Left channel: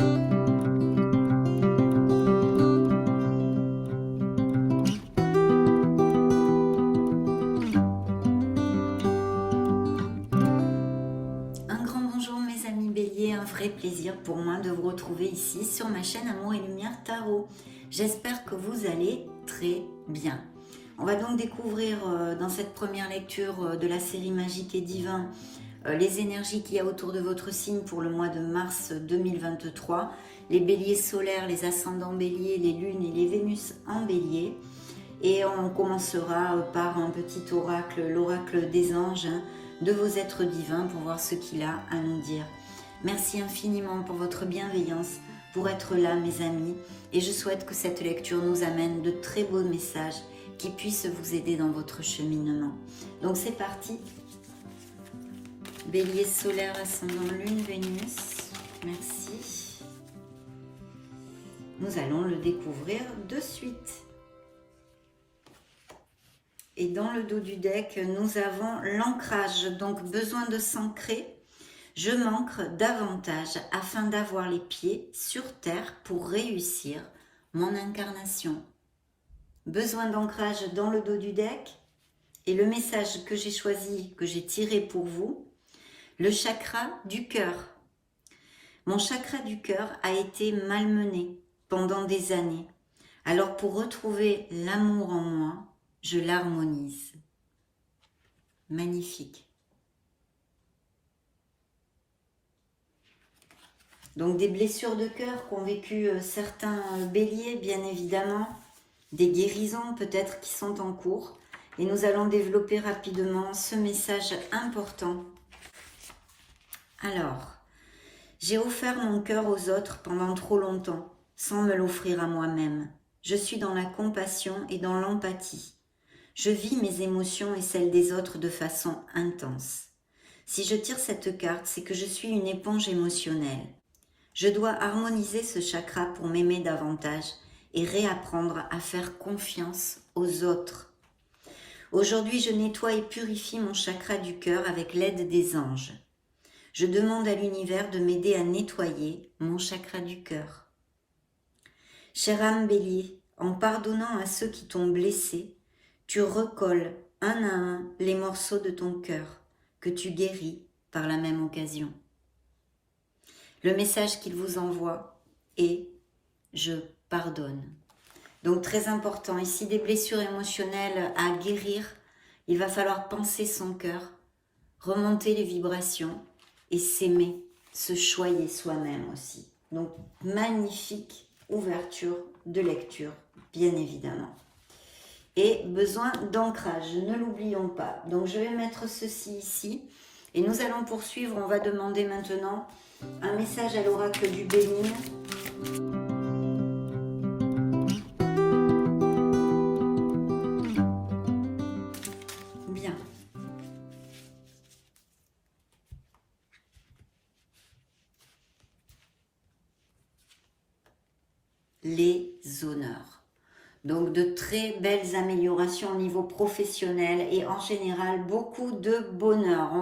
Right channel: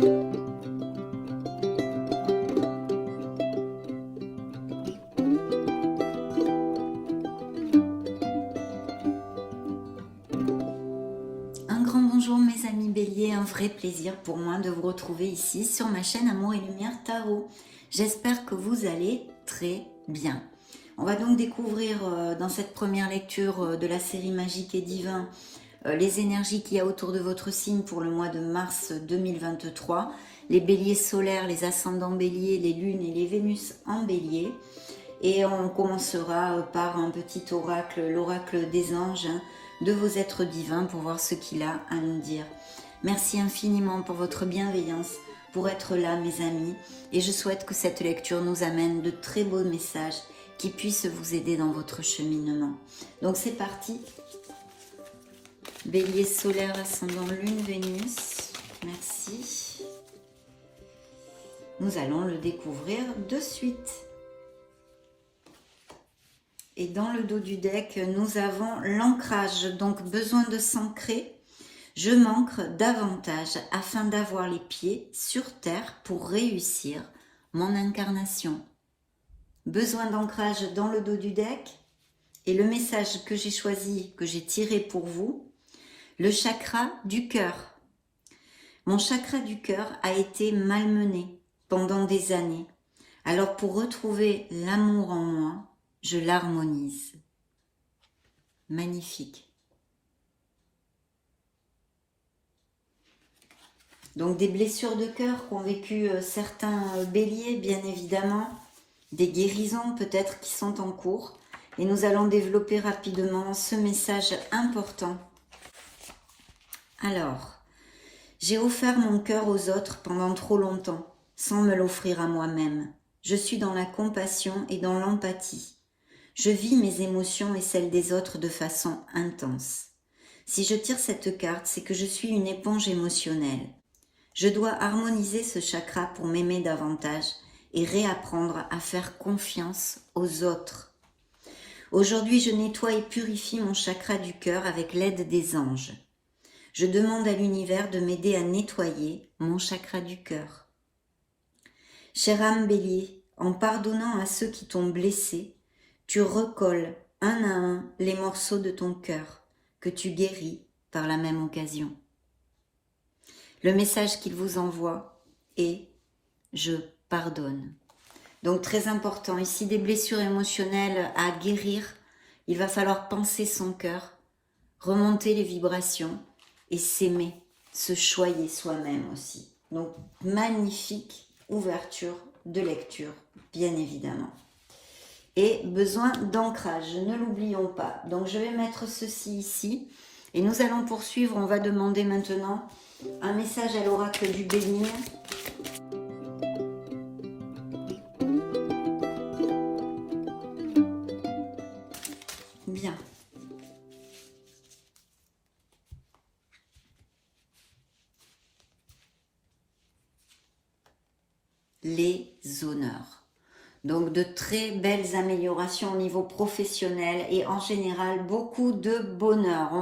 Un grand bonjour mes amis Bélier, un vrai plaisir pour moi de vous retrouver ici sur ma chaîne Amour et Lumière Tarot. J'espère que vous allez très bien. On va donc découvrir dans cette première lecture de la série Magique et Divin les énergies qu'il y a autour de votre signe pour le mois de mars 2023. Les béliers solaires, les ascendants béliers, les lunes et les Vénus en bélier. Et on commencera par un petit oracle, l'oracle des anges, de vos êtres divins pour voir ce qu'il a à nous dire. Merci infiniment pour votre bienveillance, pour être là mes amis, et je souhaite que cette lecture nous amène de très beaux messages qui puissent vous aider dans votre cheminement. Donc c'est parti. Bélier solaire, ascendant lune, Vénus, merci. Nous allons le découvrir de suite. Et dans le dos du deck, nous avons l'ancrage, donc besoin de s'ancrer. Je m'ancre davantage afin d'avoir les pieds sur terre pour réussir mon incarnation. Besoin d'ancrage dans le dos du deck. Et le message que j'ai choisi, que j'ai tiré pour vous, le chakra du cœur. Mon chakra du cœur a été malmené pendant des années. Alors pour retrouver l'amour en moi, je l'harmonise. Magnifique. Donc des blessures de cœur qu'ont vécu certains béliers, bien évidemment. Des guérisons peut-être qui sont en cours. Et nous allons développer rapidement ce message important. Alors, j'ai offert mon cœur aux autres pendant trop longtemps, sans me l'offrir à moi-même. Je suis dans la compassion et dans l'empathie. Je vis mes émotions et celles des autres de façon intense. Si je tire cette carte, c'est que je suis une éponge émotionnelle. Je dois harmoniser ce chakra pour m'aimer davantage et réapprendre à faire confiance aux autres. Aujourd'hui, je nettoie et purifie mon chakra du cœur avec l'aide des anges. Je demande à l'univers de m'aider à nettoyer mon chakra du cœur. Chère âme bélier, en pardonnant à ceux qui t'ont blessé, tu recolles un à un les morceaux de ton cœur que tu guéris par la même occasion. Le message qu'il vous envoie est « Je pardonne ». Donc très important, ici des blessures émotionnelles à guérir, il va falloir penser son cœur, remonter les vibrations et s'aimer, se choyer soi-même aussi. Donc magnifique ouverture de lecture, bien évidemment. Et besoin d'ancrage, ne l'oublions pas. Donc je vais mettre ceci ici et nous allons poursuivre. On va demander maintenant un message à l'oracle du Bénin. Bien. Les honneurs. Donc de très belles améliorations au niveau professionnel et en général beaucoup de bonheur. On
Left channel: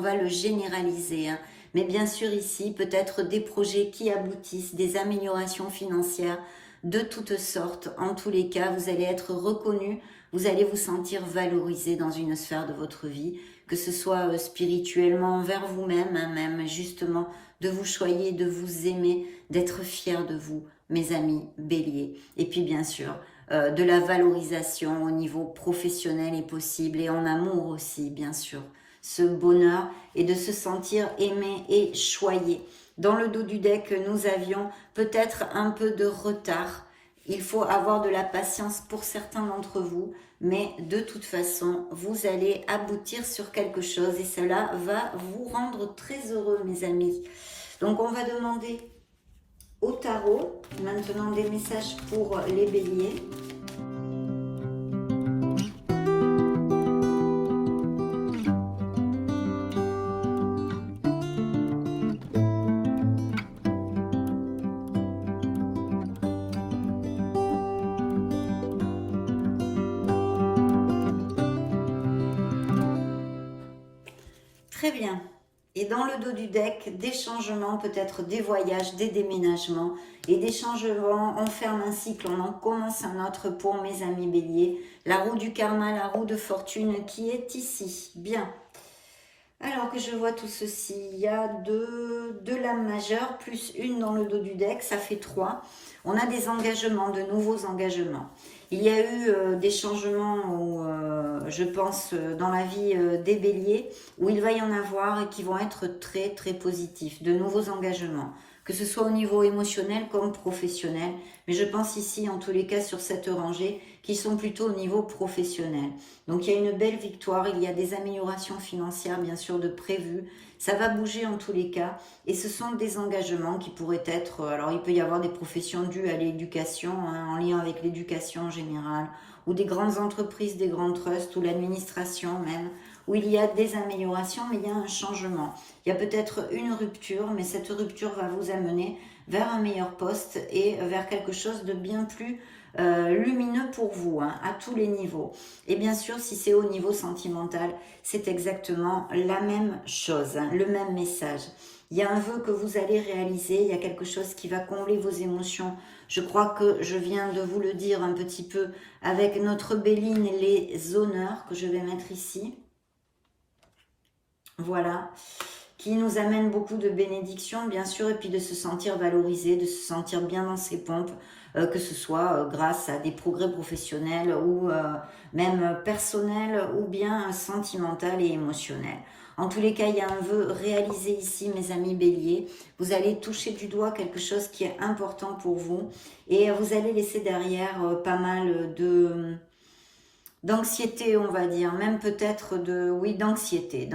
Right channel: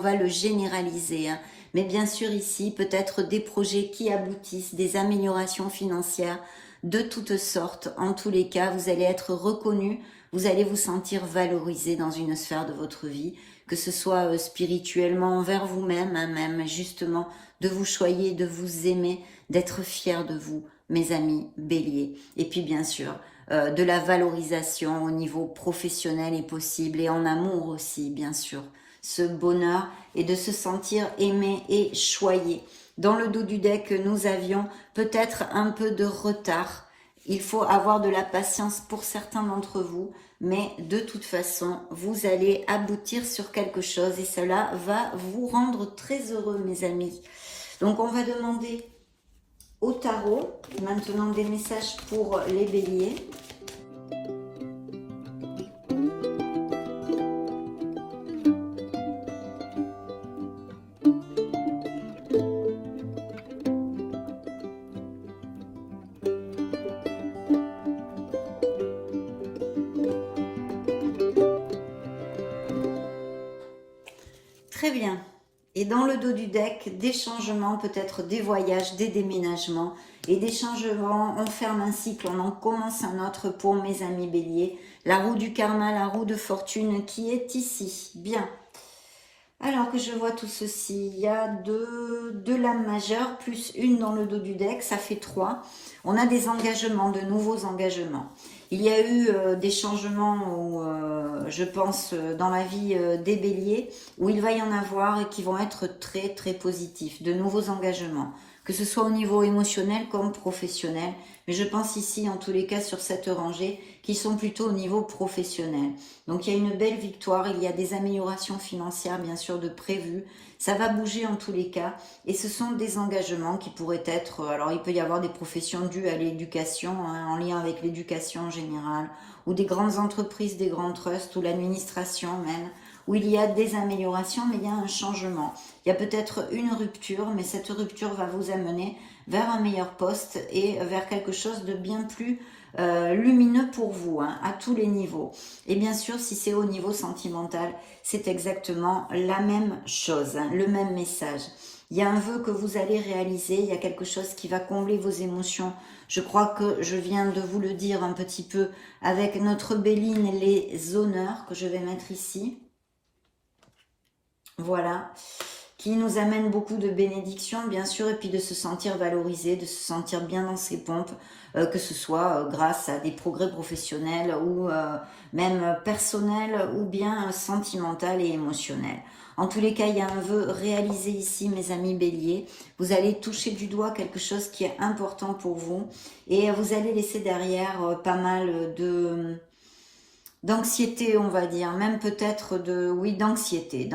va le généraliser. Hein. Mais bien sûr ici peut-être des projets qui aboutissent, des améliorations financières de toutes sortes. En tous les cas, vous allez être reconnu, vous allez vous sentir valorisé dans une sphère de votre vie, que ce soit spirituellement envers vous-même, hein, même justement de vous choyer, de vous aimer, d'être fier de vous, mes amis béliers. Et puis bien sûr, de la valorisation au niveau professionnel est possible et en amour aussi, bien sûr. Ce bonheur et de se sentir aimé et choyé. Dans le dos du deck, nous avions peut-être un peu de retard. Il faut avoir de la patience pour certains d'entre vous, mais de toute façon, vous allez aboutir sur quelque chose et cela va vous rendre très heureux, mes amis. Donc, on va demander au tarot maintenant des messages pour les béliers. Très bien. Et dans le dos du deck, des changements, peut-être des voyages, des déménagements et des changements. On ferme un cycle, on en commence un autre pour mes amis béliers. La roue du karma, la roue de fortune qui est ici. Bien. Alors que je vois tout ceci, il y a deux lames majeures plus une dans le dos du deck, ça fait 3. On a des engagements, de nouveaux engagements. Il y a eu des changements, je pense, dans la vie des béliers, où il va y en avoir et qui vont être très très positifs, de nouveaux engagements, que ce soit au niveau émotionnel comme professionnel. Mais je pense ici, en tous les cas, sur cette rangée, qui sont plutôt au niveau professionnel. Donc il y a une belle victoire, il y a des améliorations financières, bien sûr, de prévues. Ça va bouger en tous les cas, et ce sont des engagements qui pourraient être, alors il peut y avoir des professions dues à l'éducation, hein, en lien avec l'éducation en général, ou des grandes entreprises, des grands trusts, ou l'administration même, où il y a des améliorations, mais il y a un changement. Il y a peut-être une rupture, mais cette rupture va vous amener vers un meilleur poste et vers quelque chose de bien plus lumineux pour vous, hein, à tous les niveaux. Et bien sûr, si c'est au niveau sentimental, c'est exactement la même chose, hein, le même message. Il y a un vœu que vous allez réaliser, il y a quelque chose qui va combler vos émotions. Je crois que je viens de vous le dire un petit peu avec notre Béline, les honneurs que je vais mettre ici. Voilà, qui nous amène beaucoup de bénédictions, bien sûr, et puis de se sentir valorisé, de se sentir bien dans ses pompes, que ce soit grâce à des progrès professionnels ou même personnels ou bien sentimental et émotionnel. En tous les cas, il y a un vœu réalisé ici, mes amis béliers. Vous allez toucher du doigt quelque chose qui est important pour vous et vous allez laisser derrière pas mal d'anxiété, on va dire, même peut-être d'anxiété,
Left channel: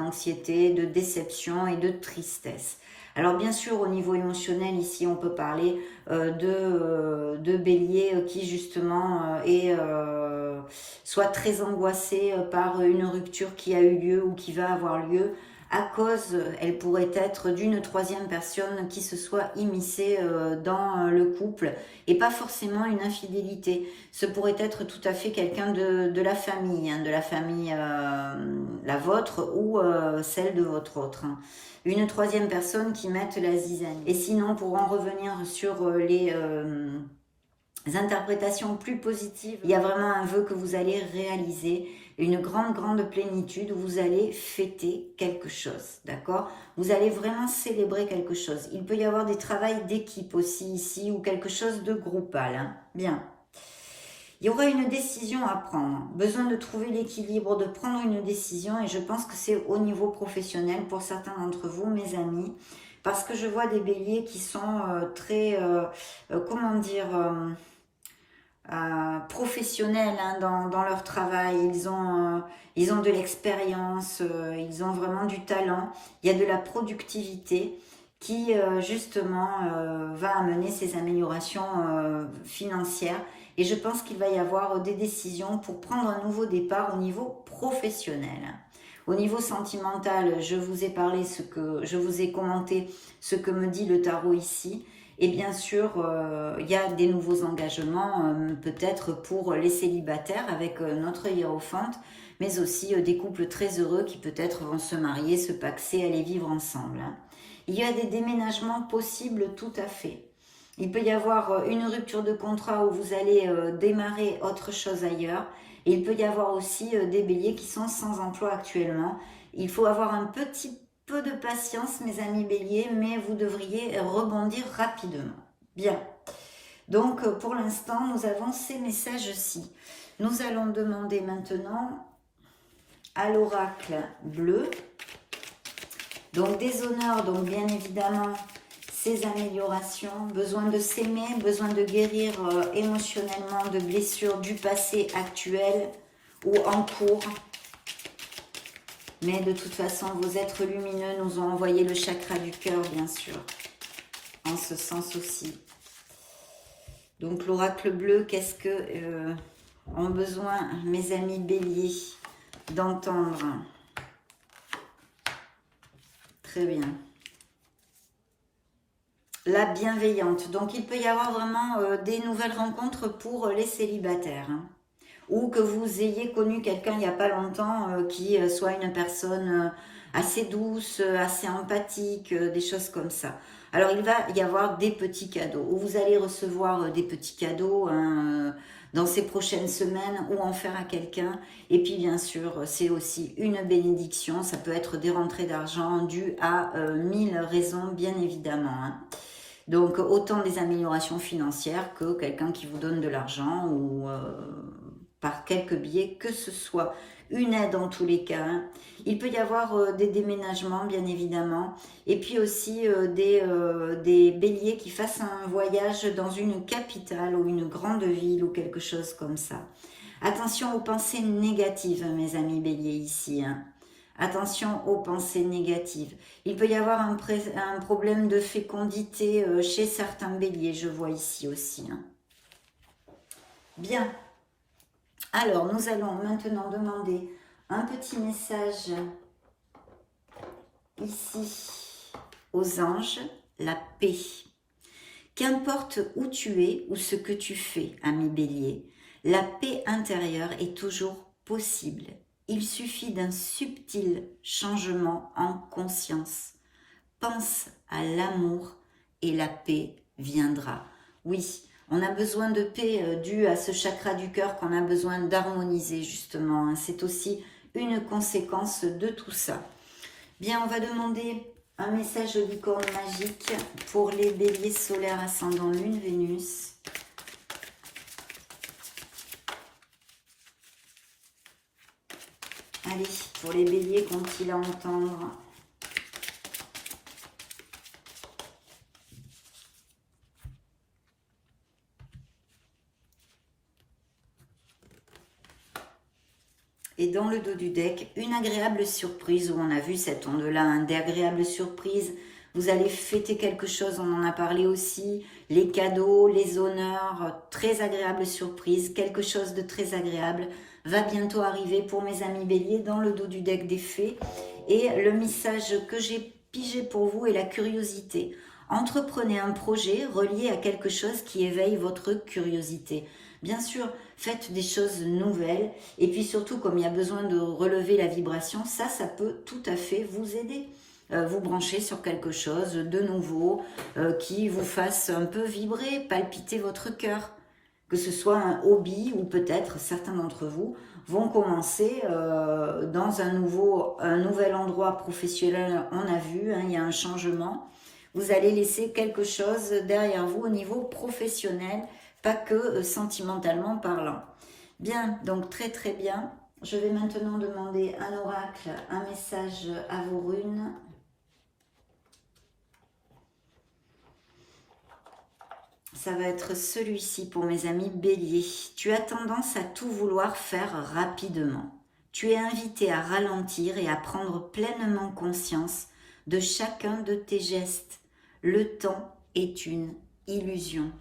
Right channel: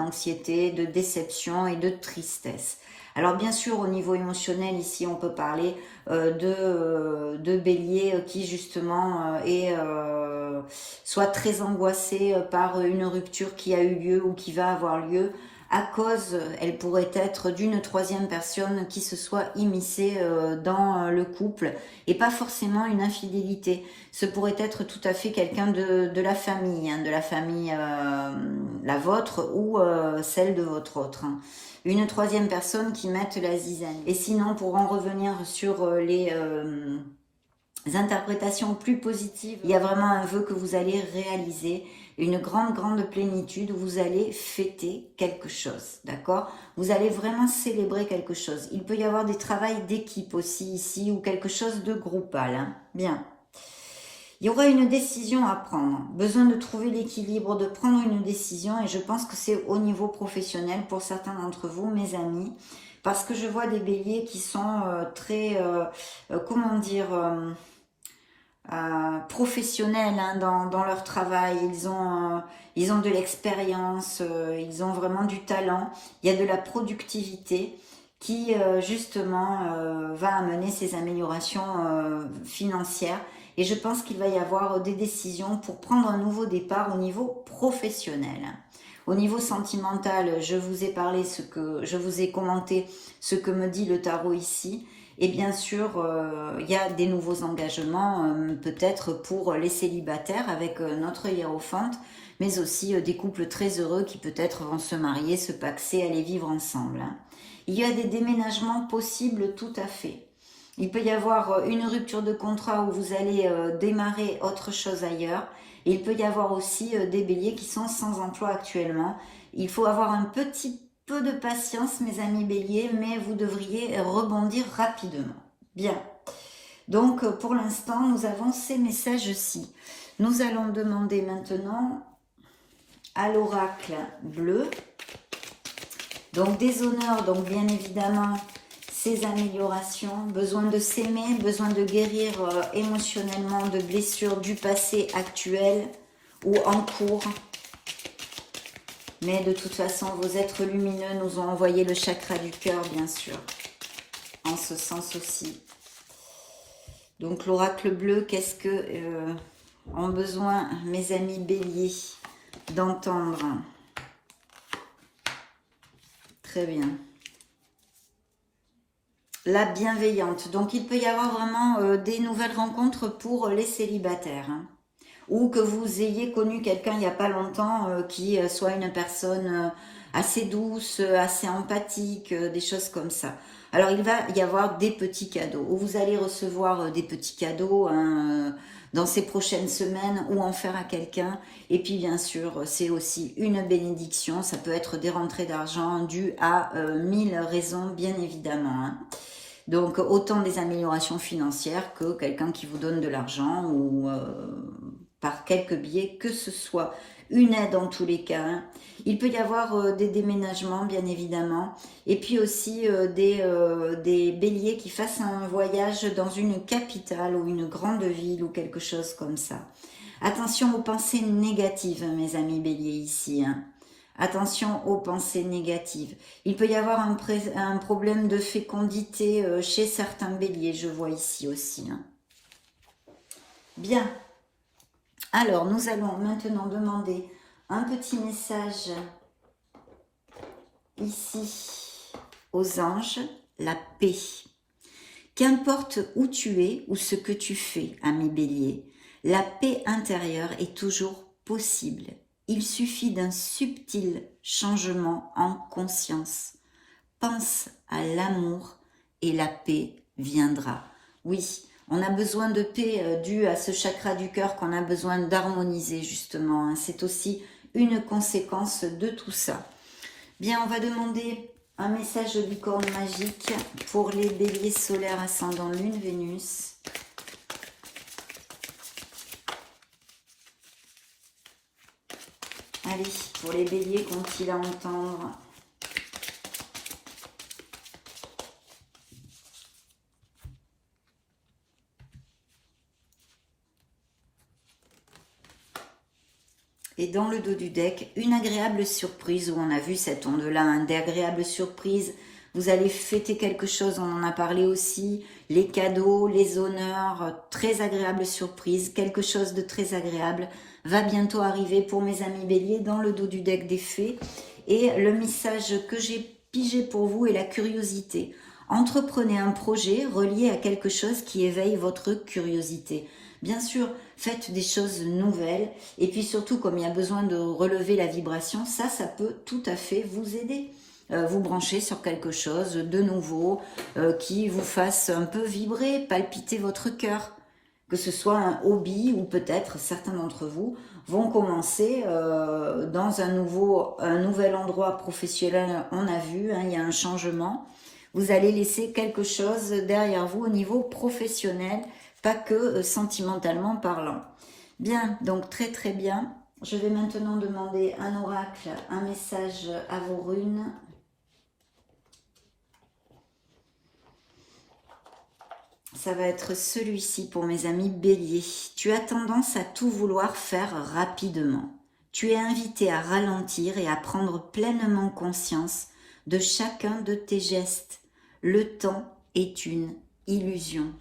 de déception et de tristesse. Alors bien sûr, au niveau émotionnel, ici, on peut parler de bélier qui justement soit très angoissé par une rupture qui a eu lieu ou qui va avoir lieu, à cause, elle pourrait être d'une troisième personne qui se soit immiscée dans le couple, et pas forcément une infidélité. Ce pourrait être tout à fait quelqu'un de la famille, hein, la vôtre ou celle de votre autre. Hein. Une troisième personne qui mette la zizanie. Et sinon, pour en revenir sur les interprétations plus positives, il y a vraiment un vœu que vous allez réaliser, une grande plénitude où vous allez fêter quelque chose, d'accord? Vous allez vraiment célébrer quelque chose. Il peut y avoir des travails d'équipe aussi ici ou quelque chose de groupal, hein. Bien. Il y aura une décision à prendre, besoin de trouver l'équilibre, de prendre une décision, et je pense que c'est au niveau professionnel pour certains d'entre vous, mes amis, parce que je vois des béliers qui sont très, comment dire, professionnels, hein, dans leur travail. Ils ont de l'expérience, ils ont vraiment du talent, il y a de la productivité qui justement va amener ces améliorations financières. Et je pense qu'il va y avoir des décisions pour prendre un nouveau départ au niveau professionnel. Au niveau sentimental, je vous ai parlé, je vous ai commenté ce que me dit le tarot ici. Et bien sûr, il y a des nouveaux engagements, peut-être pour les célibataires avec notre hiérophante, mais aussi des couples très heureux qui peut-être vont se marier, se paxer, aller vivre ensemble. Hein. Il y a des déménagements possibles tout à fait. Il peut y avoir une rupture de contrat où vous allez démarrer autre chose ailleurs. Et il peut y avoir aussi des béliers qui sont sans emploi actuellement. Il faut avoir un petit peu de patience, mes amis béliers, mais vous devriez rebondir rapidement. Bien. Donc, pour l'instant, nous avons ces messages-ci. Nous allons demander maintenant à l'oracle bleu. Donc, des honneurs, donc bien évidemment, ces améliorations, besoin de s'aimer, besoin de guérir émotionnellement de blessures du passé actuel ou en cours. Mais de toute façon, vos êtres lumineux nous ont envoyé le chakra du cœur, bien sûr, en ce sens aussi. Donc l'oracle bleu, qu'est-ce que ont besoin mes amis béliers d'entendre? Très bien. La bienveillante. Donc, il peut y avoir vraiment des nouvelles rencontres pour les célibataires. Hein. Ou que vous ayez connu quelqu'un il n'y a pas longtemps qui soit une personne assez douce, assez empathique, des choses comme ça. Alors, il va y avoir des petits cadeaux, ou vous allez recevoir des petits cadeaux hein, dans ces prochaines semaines, ou en faire à quelqu'un. Et puis, bien sûr, c'est aussi une bénédiction. Ça peut être des rentrées d'argent dues à 1000 raisons, bien évidemment. Hein. Donc, autant des améliorations financières que quelqu'un qui vous donne de l'argent ou par quelques biais que ce soit. Une aide en tous les cas. Hein. Il peut y avoir des déménagements, bien évidemment. Et puis aussi des béliers qui fassent un voyage dans une capitale ou une grande ville ou quelque chose comme ça. Attention aux pensées négatives, mes amis béliers ici. Hein. Attention aux pensées négatives. Il peut y avoir un problème de fécondité chez certains béliers, je vois ici aussi. Hein. Bien. Alors, nous allons maintenant demander un petit message ici aux anges, la paix. Qu'importe où tu es ou ce que tu fais, ami bélier, la paix intérieure est toujours possible. Il suffit d'un subtil changement en conscience. Pense à l'amour et la paix viendra. Oui, on a besoin de paix due à ce chakra du cœur qu'on a besoin d'harmoniser justement. Hein. C'est aussi une conséquence de tout ça. Bien, on va demander un message du corps magique pour les béliers solaires ascendant Lune, Vénus. Allez, pour les béliers, qu'ont-ils à entendre ? Et dans le dos du deck, une agréable surprise, où on a vu cette onde-là, hein, d'agréable surprise. Vous allez fêter quelque chose, on en a parlé aussi. Les cadeaux, les honneurs, très agréable surprise, quelque chose de très agréable va bientôt arriver pour mes amis béliers dans le dos du deck des fées. Et le message que j'ai pigé pour vous est la curiosité. Entreprenez un projet relié à quelque chose qui éveille votre curiosité. Bien sûr, faites des choses nouvelles et puis surtout, comme il y a besoin de relever la vibration, ça peut tout à fait vous aider. Vous brancher sur quelque chose de nouveau qui vous fasse un peu vibrer, palpiter votre cœur. Que ce soit un hobby ou peut-être certains d'entre vous vont commencer dans un nouvel endroit professionnel, on a vu, hein, il y a un changement. Vous allez laisser quelque chose derrière vous au niveau professionnel, pas que sentimentalement parlant. Bien, donc très très bien. Je vais maintenant demander un oracle, un message à vos runes. Ça va être celui-ci pour mes amis béliers. Tu as tendance à tout vouloir faire rapidement. Tu es invité à ralentir et à prendre pleinement conscience de chacun de tes gestes. Le temps est une illusion.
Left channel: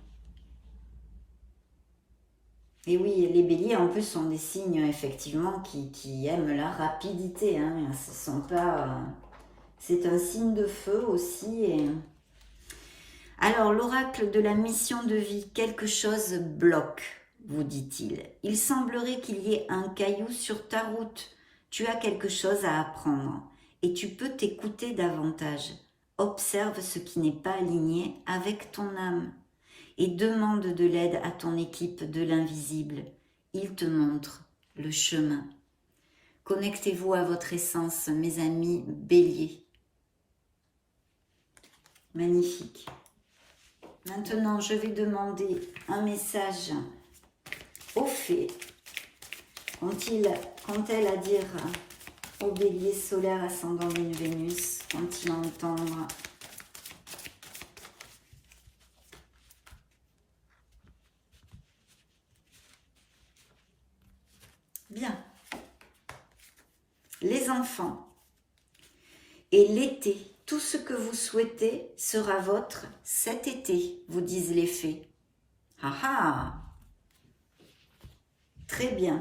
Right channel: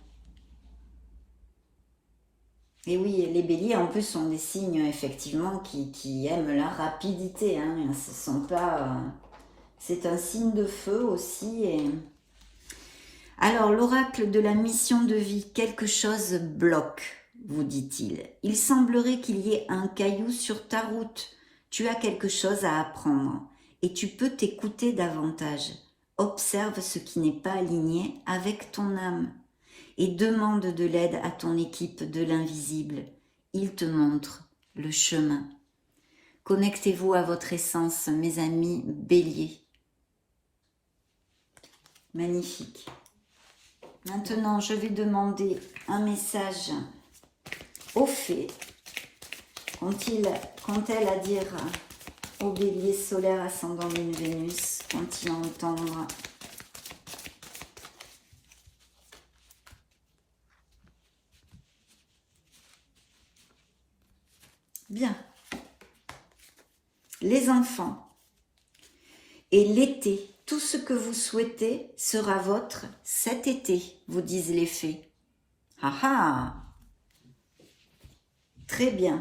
Et oui, les béliers en plus sont des signes effectivement qui aiment la rapidité. Hein. Ce sont pas, c'est un signe de feu aussi. Et... Alors, l'oracle de la mission de vie, quelque chose bloque, vous dit-il. Il semblerait qu'il y ait un caillou sur ta route. Tu as quelque chose à apprendre et tu peux t'écouter davantage. Observe ce qui n'est pas aligné avec ton âme et demande de l'aide à ton équipe de l'invisible. Il te montre le chemin. Connectez-vous à votre essence, mes amis béliers. Magnifique. Maintenant, je vais demander un message aux fées. Qu'ont-elles à dire aux béliers solaires ascendant Lune Vénus? Qu'ont-ils à entendre? Bien. Les enfants et l'été. Tout ce que vous souhaitez sera vôtre cet été, vous disent les fées. Ah ah! Très bien.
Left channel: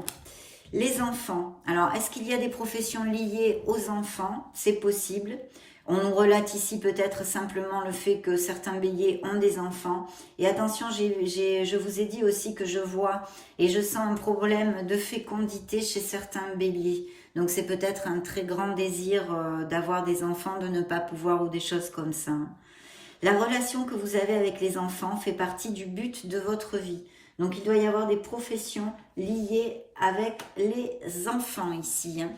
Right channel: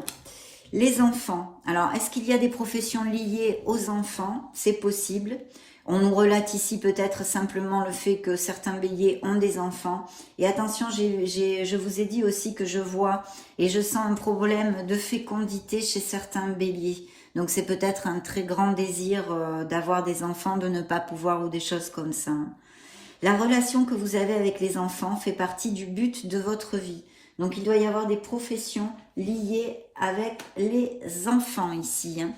Les enfants. Alors, est-ce qu'il y a des professions liées aux enfants? C'est possible. On nous relate ici peut-être simplement le fait que certains béliers ont des enfants. Et attention, je vous ai dit aussi que je vois et je sens un problème de fécondité chez certains béliers. Donc c'est peut-être un très grand désir d'avoir des enfants, de ne pas pouvoir ou des choses comme ça. La relation que vous avez avec les enfants fait partie du but de votre vie. Donc il doit y avoir des professions liées avec les enfants ici. Hein.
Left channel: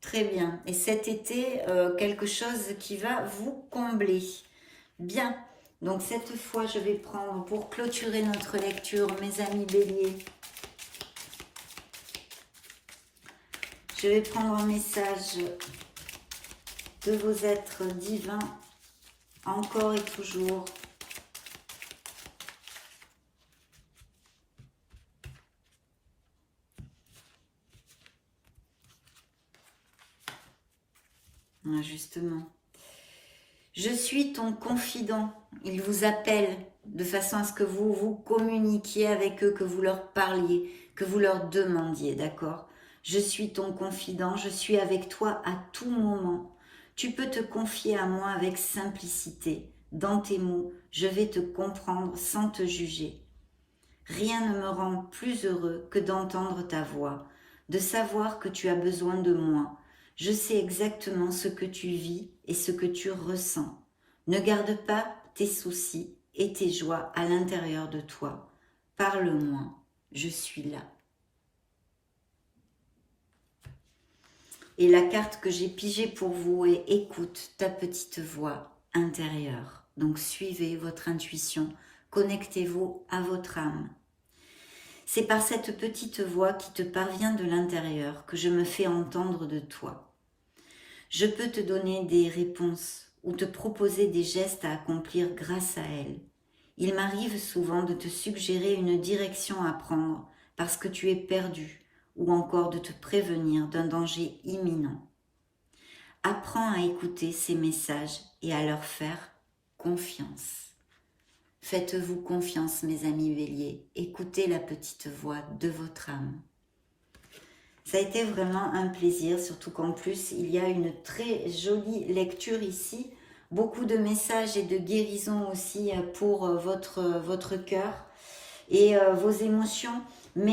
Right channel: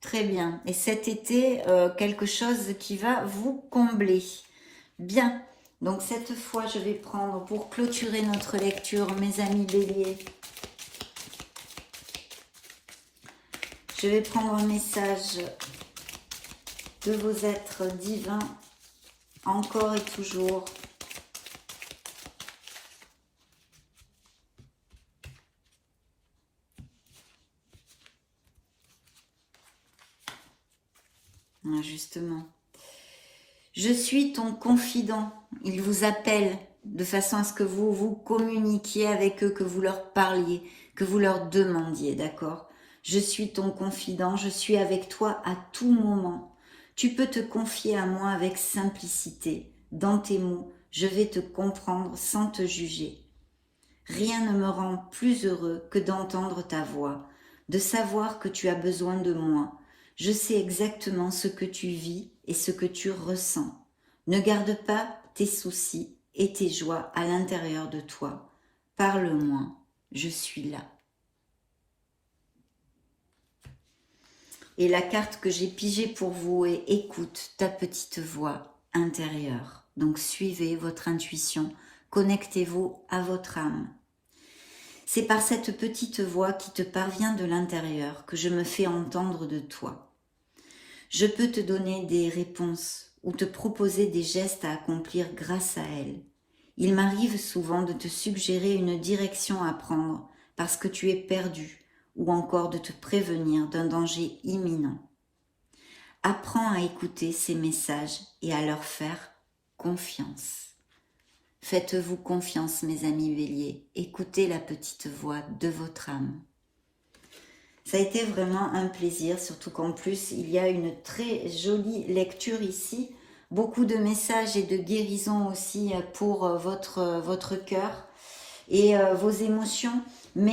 Très bien. Et cet été, quelque chose qui va vous combler. Bien. Donc cette fois, je vais prendre, pour clôturer notre lecture, mes amis béliers, je vais prendre un message de vos êtres divins, encore et toujours. Ah, justement. Je suis ton confident. Il vous appelle de façon à ce que vous vous communiquiez avec eux, que vous leur parliez, que vous leur demandiez, d'accord? Je suis ton confident, je suis avec toi à tout moment. Tu peux te confier à moi avec simplicité. Dans tes mots, je vais te comprendre sans te juger. Rien ne me rend plus heureux que d'entendre ta voix, de savoir que tu as besoin de moi. Je sais exactement ce que tu vis et ce que tu ressens. Ne garde pas tes soucis et tes joies à l'intérieur de toi. Parle-moi, je suis là. Et la carte que j'ai pigée pour vous est « Écoute ta petite voix intérieure ». Donc suivez votre intuition, connectez-vous à votre âme. C'est par cette petite voix qui te parvient de l'intérieur que je me fais entendre de toi. Je peux te donner des réponses ou te proposer des gestes à accomplir grâce à elle. Il m'arrive souvent de te suggérer une direction à prendre parce que tu es perdu ou encore de te prévenir d'un danger imminent. Apprends à écouter ces messages et à leur faire confiance. Faites-vous confiance, mes amis béliers. Écoutez la petite voix de votre âme. Ça a été vraiment un plaisir, surtout qu'en plus, il y a une très jolie lecture ici. Beaucoup de messages et de guérison aussi pour votre cœur et vos émotions, mais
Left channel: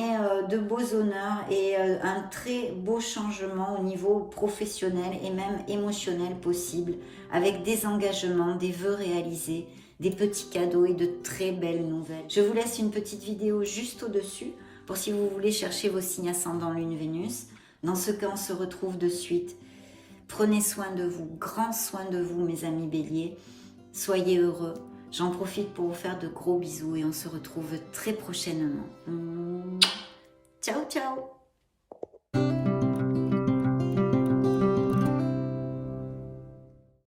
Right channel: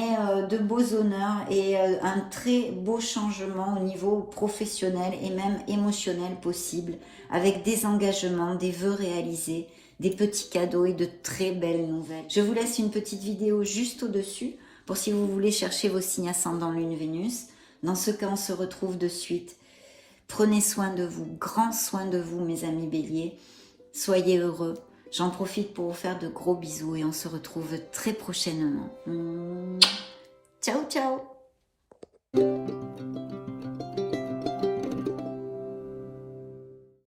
de beaux honneurs et un très beau changement au niveau professionnel et même émotionnel possible, avec des engagements, des vœux réalisés, des petits cadeaux et de très belles nouvelles. Je vous laisse une petite vidéo juste au-dessus pour si vous voulez chercher vos signes ascendant Lune Vénus. Dans ce cas, on se retrouve de suite. Prenez soin de vous, grand soin de vous, mes amis béliers. Soyez heureux. J'en profite pour vous faire de gros bisous et on se retrouve très prochainement. Ciao, ciao!